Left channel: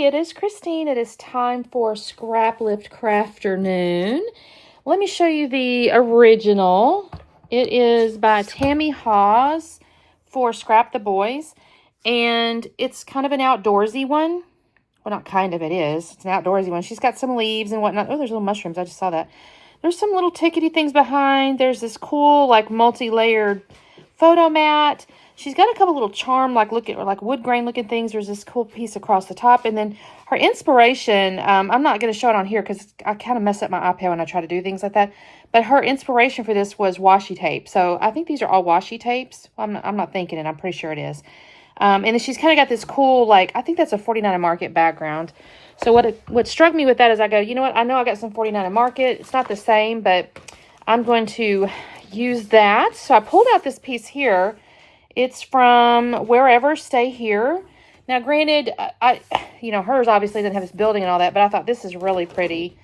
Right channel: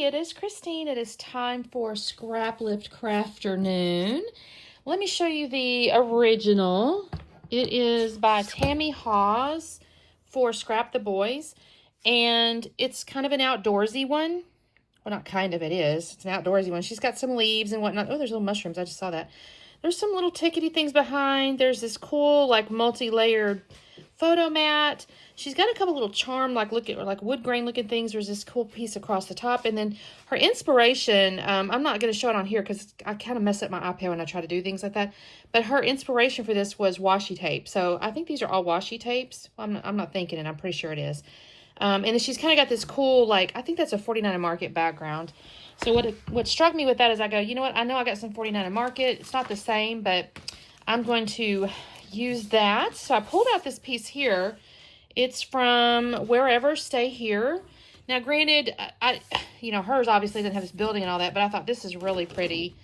everybody, it is Christine. It is time for Scraplift Crafternoon. Let me show you the original. It is by Tammy Hawes for Scrap the Boys, and it's kind of an outdoorsy one. Well, not kind of, it is. It's an outdoorsy one. She's got some leaves and whatnot. Oh, there's little mushrooms. I just saw that. There's some little tickety things behind. There's this cool, like, multi-layered photo mat. She's got a couple little charm, like wood grain looking things. There's this cool piece across the top. And then her inspiration, I'm not going to show it on here because I kind of mess up my iPad when I try to do things like that. But her inspiration for this was washi tape. So I think these are all washi tapes. I'm not thinking it. I'm pretty sure it is. And then she's kind of got this cool, like, I think that's a 49 Market background. So what struck me with that is I go, you know what? I know I got some 49 Market. It's not the same, but I'm going to use that. So I pulled out this piece here. It's from Wherever Stay Here. Now, granted, hers obviously didn't have this building and all that, but I thought this is really pretty.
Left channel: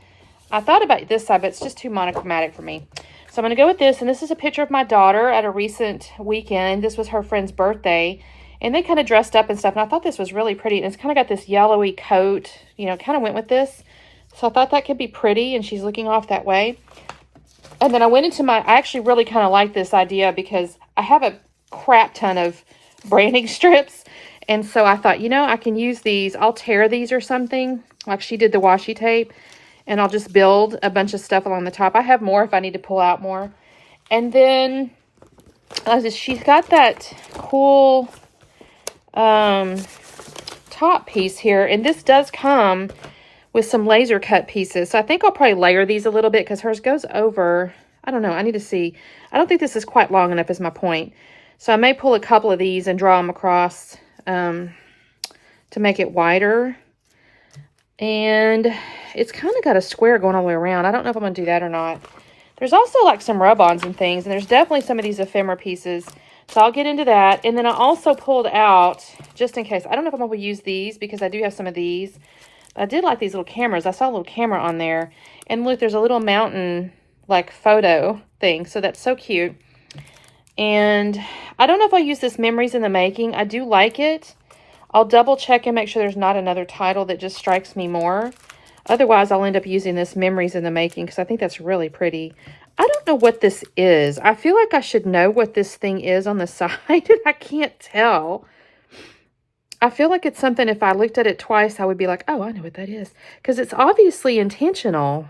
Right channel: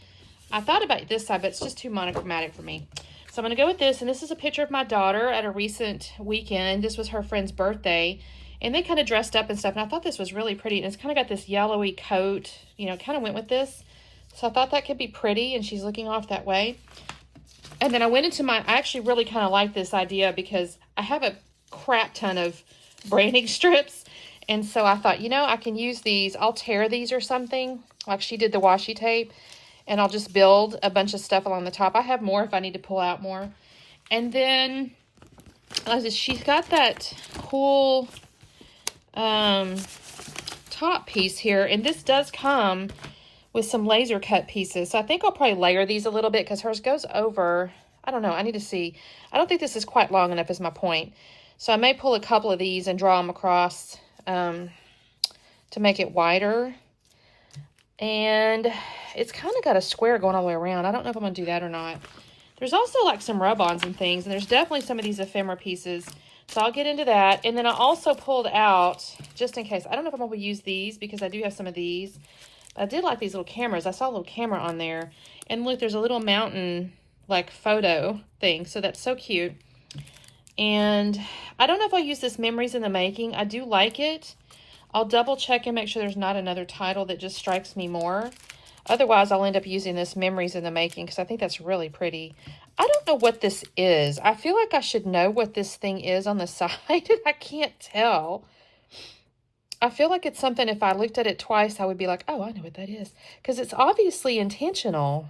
I thought about this side, but it's just too monochromatic for me. So I'm going to go with this, and this is a picture of my daughter at a recent weekend. This was her friend's birthday, and they kind of dressed up and stuff, and I thought this was really pretty. And it's kind of got this yellowy coat, kind of went with this. So I thought that could be pretty, and she's looking off that way. And then I went into I actually really kind of like this idea because I have a crap ton of branding strips, and so I thought, I can use these. I'll tear these or something like she did the washi tape, and I'll just build a bunch of stuff along the top. I have more if I need to pull out more. And then she's got that cool top piece here, and this does come with some laser cut pieces. So I think I'll probably layer these a little bit because hers goes over. I don't know. I need to see. I don't think this is quite long enough is my point. So I may pull a couple of these and draw them across to make it wider. And it's kind of got a square going all the way around. I don't know if I'm going to do that or not. There's also like some rub-ons and things. And there's definitely some of these ephemera pieces. So I'll get into that. And then I also pulled out, just in case. I don't know if I'm going to use these because I do have some of these. But I did like these little cameras. I saw a little camera on there. And look, there's a little mountain like photo thing. So that's so cute. And I don't know if I'll use this Memories in the Making. I do like it. I'll double check and make sure there's not another title that just strikes me more. Otherwise, I'll end up using this Memories in the Making because I think that's really pretty. I don't know what this is. I feel like I should know what this thing is on the side, and I can't tell. I feel like it's something, if I looked at it twice, I would be like, oh, I know what that is. Because it's obviously intentional.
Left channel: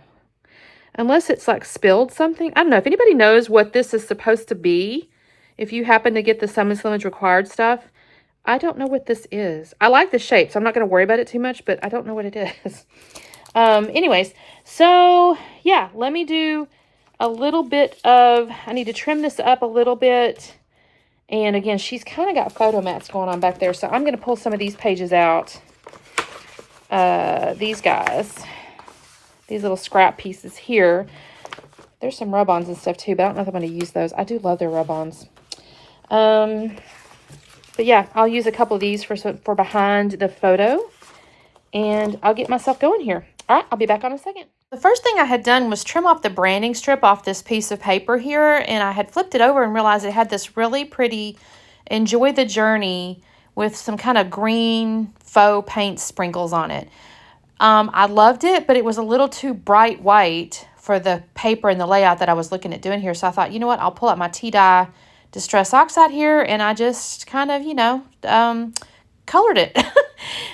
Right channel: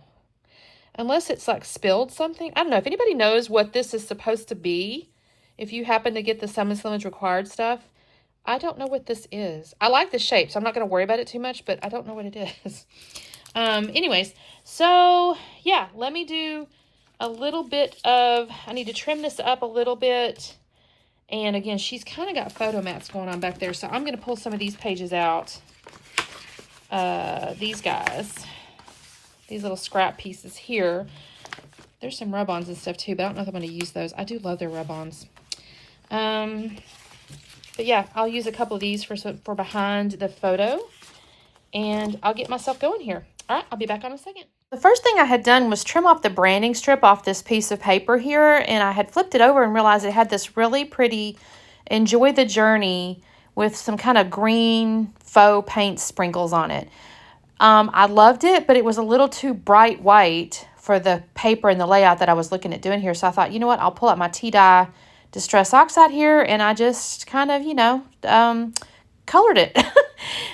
Unless it's like spilled something. I don't know. If anybody knows what this is supposed to be, if you happen to get the Summons Slimmage required stuff, I don't know what this is. I like the shape, so I'm not going to worry about it too much, but I don't know what it is. Anyways, so yeah, let me do a little bit of, I need to trim this up a little bit. And again, she's kind of got photo mats going on back there, so I'm going to pull some of these pages out. These guys. These little scrap pieces here. There's some rub-ons and stuff too, but I don't know if I'm going to use those. I do love their rub-ons. But yeah, I'll use a couple of these for behind the photo. And I'll get myself going here. All right, I'll be back on in a second. The first thing I had done was trim off the branding strip off this piece of paper here. And I had flipped it over and realized it had this really pretty Enjoy the Journey with some kind of green faux paint sprinkles on it. I loved it, but it was a little too bright white for the paper and the layout that I was looking at doing here. So I thought, you know what, I'll pull out my T-dye Distress Oxide here, and I just kind of, colored it.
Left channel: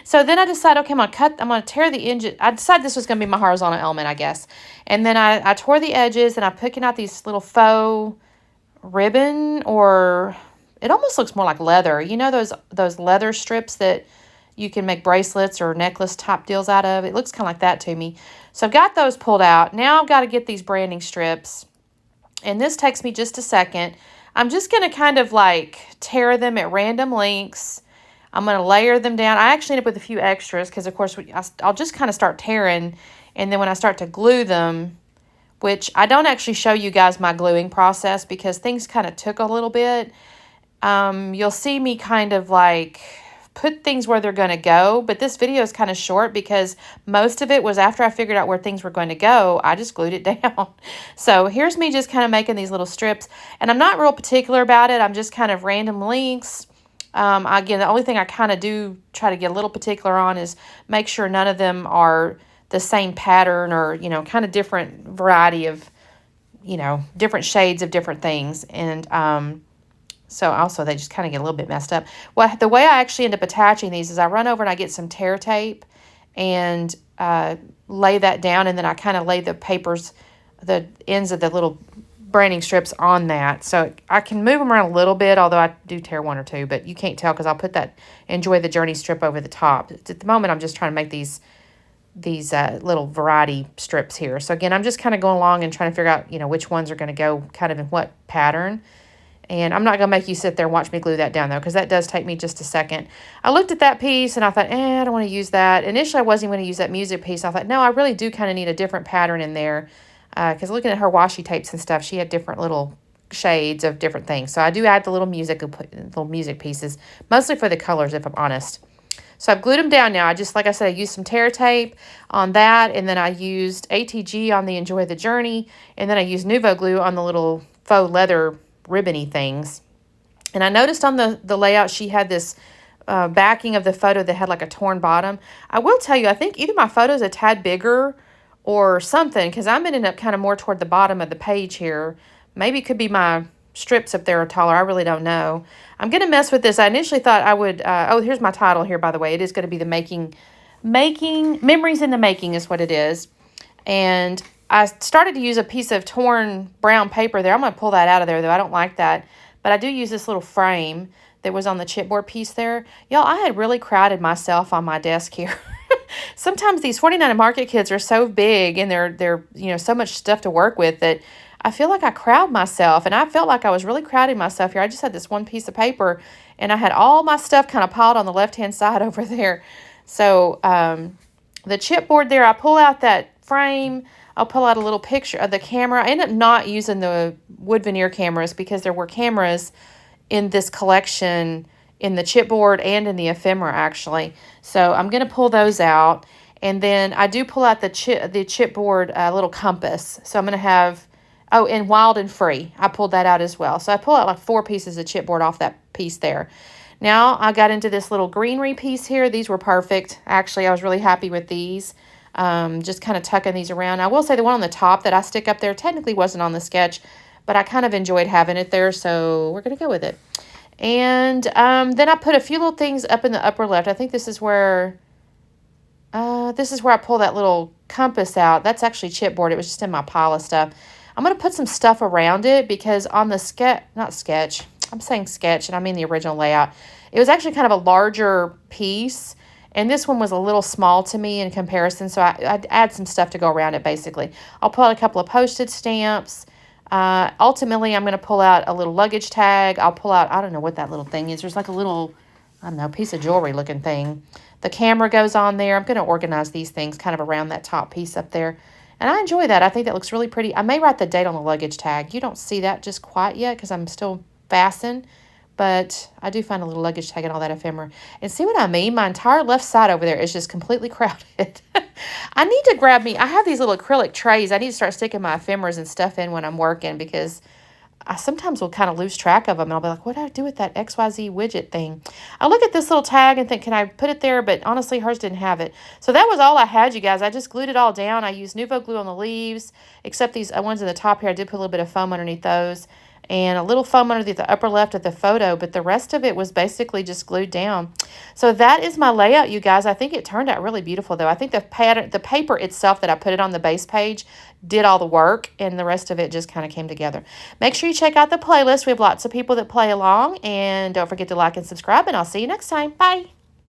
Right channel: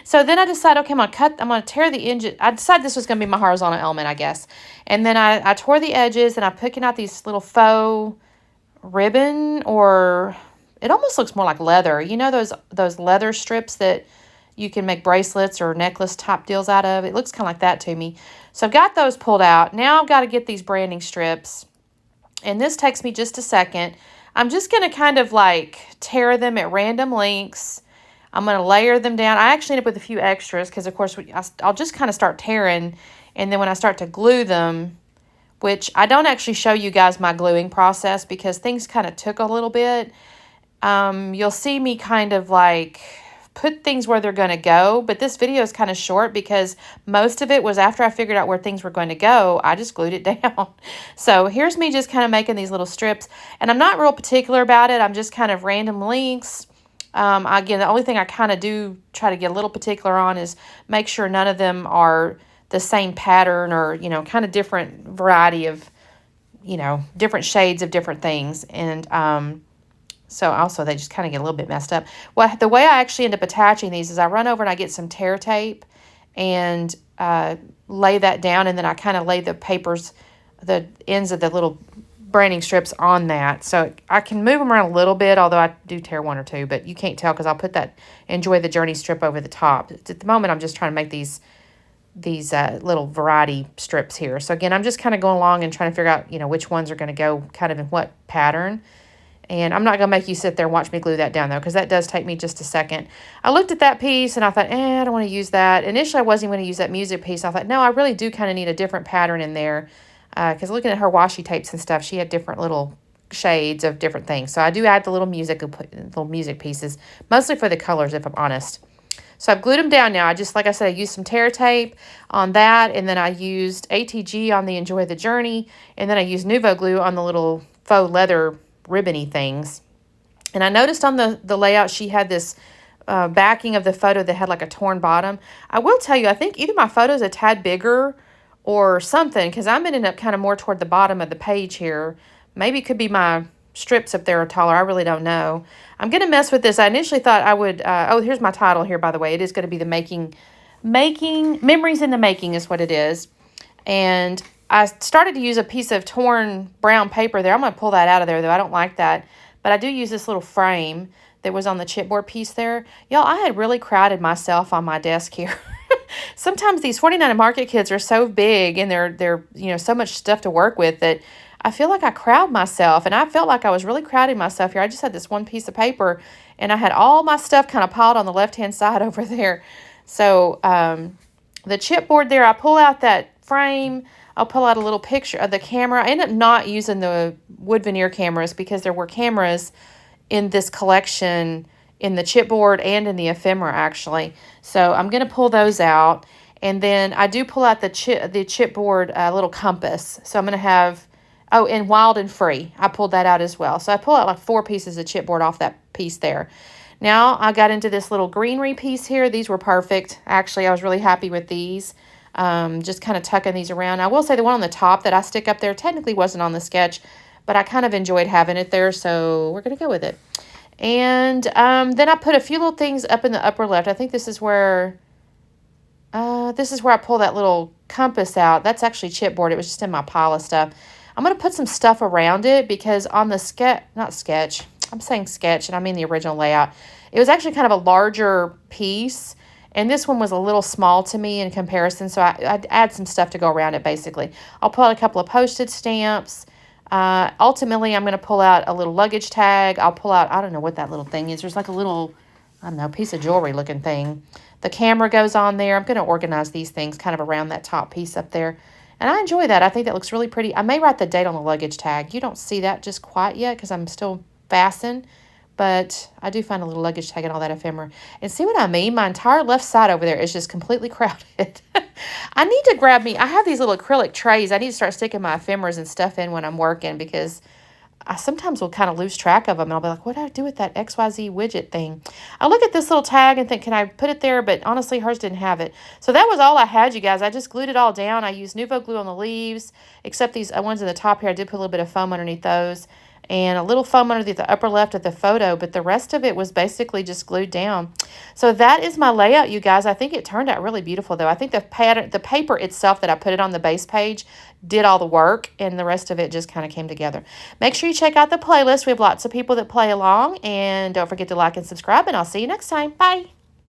So then I decided, okay, I'm going to tear the edges. I decided this was going to be my horizontal element, I guess. And then I tore the edges, and I'm picking out these little faux ribbon, or it almost looks more like leather. You know those leather strips that you can make bracelets or necklace type deals out of? It looks kind of like that to me. So I've got those pulled out. Now I've got to get these branding strips. And this takes me just a second. I'm just going to kind of like tear them at random lengths. I'm going to layer them down. I actually end up with a few extras because, of course, I'll just kind of start tearing. And then when I start to glue them, which I don't actually show you guys my gluing process because things kind of took a little bit. You'll see me kind of like put things where they're going to go. But this video is kind of short because most of it was after I figured out where things were going to go. I just glued it down. So here's me just kind of making these little strips. And I'm not real particular about it. I'm just kind of random lengths. Again, the only thing I kind of do try to get a little particular on is make sure none of them are the same pattern or, you know, kind of different variety of, you know, different shades of different things. And so also they just kind of get a little bit messed up. Well, the way I actually end up attaching these is I run over and I get some tear tape and lay that down, and then I kind of lay the papers, the ends of the little branding strips on that. So I can move them around a little bit, although I do tear one or two, but you can't tell because I'll put that Enjoy the Journey strip over the top. At the moment, I'm just trying to make these little variety strips here. So again, I'm just kind of going along and trying to figure out, you know, which ones are going to go kind of in what pattern. And I'm not going to make you sit there and watch me glue that down, though, because that does take me just a second. I looked at that piece, and I thought, I don't want to use that. Initially, I wasn't going to use that music piece. I thought, no, I really do kind of need a different pattern in there, because looking at her washi tapes and stuff, she had different little shades of different things. So I do add the little music pieces, mostly for the colors, if I'm honest. So I've glued them down now. Like I said, I used some tear tape on that, and then I used ATG on the Enjoy the Journey, and then I used Nuvo glue on the little faux leather ribbony things. And I noticed on the layout she had this backing of the photo that had like a torn bottom. I will tell you, I think either my photo's a tad bigger or something, because I'm ending up kind of more toward the bottom of the page here. Maybe it could be my strips up there are taller. I really don't know. I'm going to mess with this. I initially thought I would, here's my title here, by the way. It is going to be the Memories in the Making is what it is. And I started to use a piece of torn brown paper there. I'm going to pull that out of there, though. I don't like that. But I do use this little frame that was on the chipboard piece there. Y'all, I had really crowded myself on my desk here. Sometimes these 49 Market kits are so big and they're you know, so much stuff to work with that I feel like I crowd myself. And I felt like I was really crowding myself here. I just had this one piece of paper, and I had all my stuff kind of piled on the left-hand side over there. So the chipboard there, I pull out that frame. I'll pull out a little picture of the camera. I ended up not using the wood veneer cameras because there were cameras in this collection in the chipboard and in the ephemera, actually. So I'm going to pull those out. And then I do pull out the chipboard little compass. So I'm going to have, and Wild and Free. I pulled that out as well. So I pulled out like 4 pieces of chipboard off that piece there. Now I got into this little greenery piece here. These were perfect. Actually, I was really happy with these. Just kind of tucking these around. I will say the one on the top that I stick up there technically wasn't on the sketch, but I kind of enjoyed having it there, so we're going to go with it. And then I put a few little things up in the upper left. I think this is where I pull that little compass out. That's actually chipboard. It was just in my pile of stuff. I'm going to put some stuff around it because on the sketch, I'm saying sketch, and I mean the original layout. It was actually kind of a larger piece, and this one was a little small to me in comparison, so I'd add some stuff to go around it, basically. I'll pull out a couple of postage stamps. Ultimately, I'm going to pull out a little luggage tag. I'll pull out, I don't know what that little thing is. There's like a little, I don't know, piece of jewelry looking thing. The camera goes on there. I'm going to organize these things kind of around that top piece up there. And I enjoy that. I think that looks really pretty. I may write the date on the luggage tag. You don't see that just quite yet because I'm still fastened. But I do find a little luggage tag and all that ephemera. And see what I mean? My entire left side over there is just completely crowded. I need to grab me. I have these little acrylic trays. I need to start sticking my ephemeras and stuff in when I'm working because I sometimes will kind of lose track of them. And I'll be like, what do I do with that XYZ widget thing? I look at this little tag and think, can I put it there? But honestly, hers didn't have it. So that was all I had, you guys. I just glued it all down. I used Nuvo glue on the leaves, except these ones in the top here. I did put a little bit of foam underneath those. And a little foam underneath the upper left of the photo, but the rest of it was basically just glued down. So that is my layout, you guys. I think it turned out really beautiful, though. I think the paper itself that I put it on the base page did all the work, and the rest of it just kind of came together. Make sure you check out the playlist. We have lots of people that play along, and don't forget to like and subscribe, and I'll see you next time. Bye.